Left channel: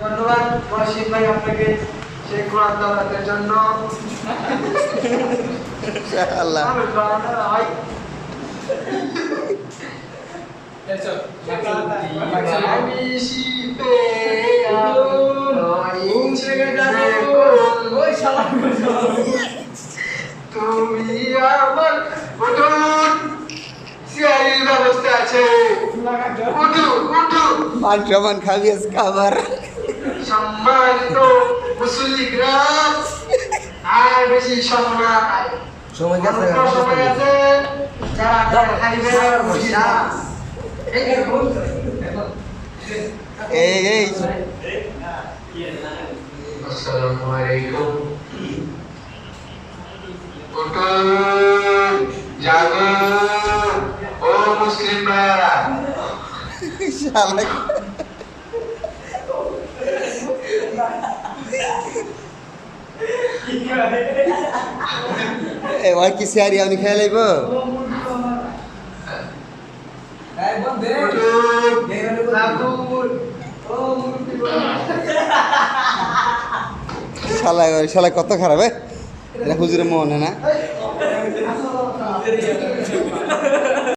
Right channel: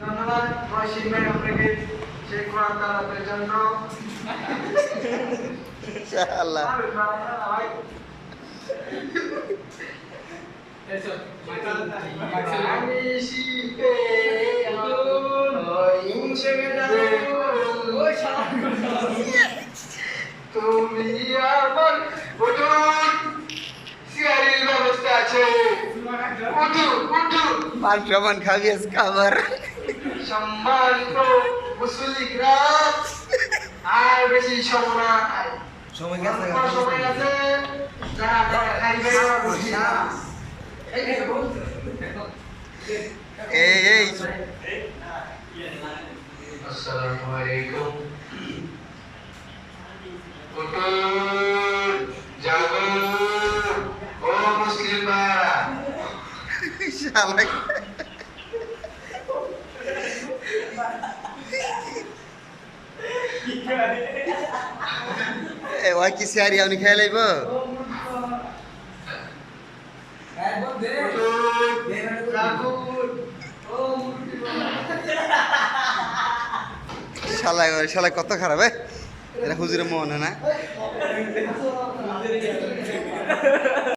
ধন্যবাদ মহসিন ভাই আপনাকে সেই কোরআন দাওয়াতের জন্য। ইনশাআল্লাহ। আমি শিপে তুমি আমার উঠুন, সিয়ারি ব্যবস্থা আছে, উঠু উঠু। মান সমান খাবি আজকে আবার। সম্মানিত মুসলিকরা, আর বেশি সময় না, সময় অল্প সময় আছে, যারা যারা খাইবে বসি না। এই আসসালামু আলাইকুম। উঠুন, জাগো ও মুসলিম ভাইয়ারা। শালা এ ওই কি সিয়ারি আপনি খেয়ে লাইব? শালা কত খারাপ এটা হুজুরের মন না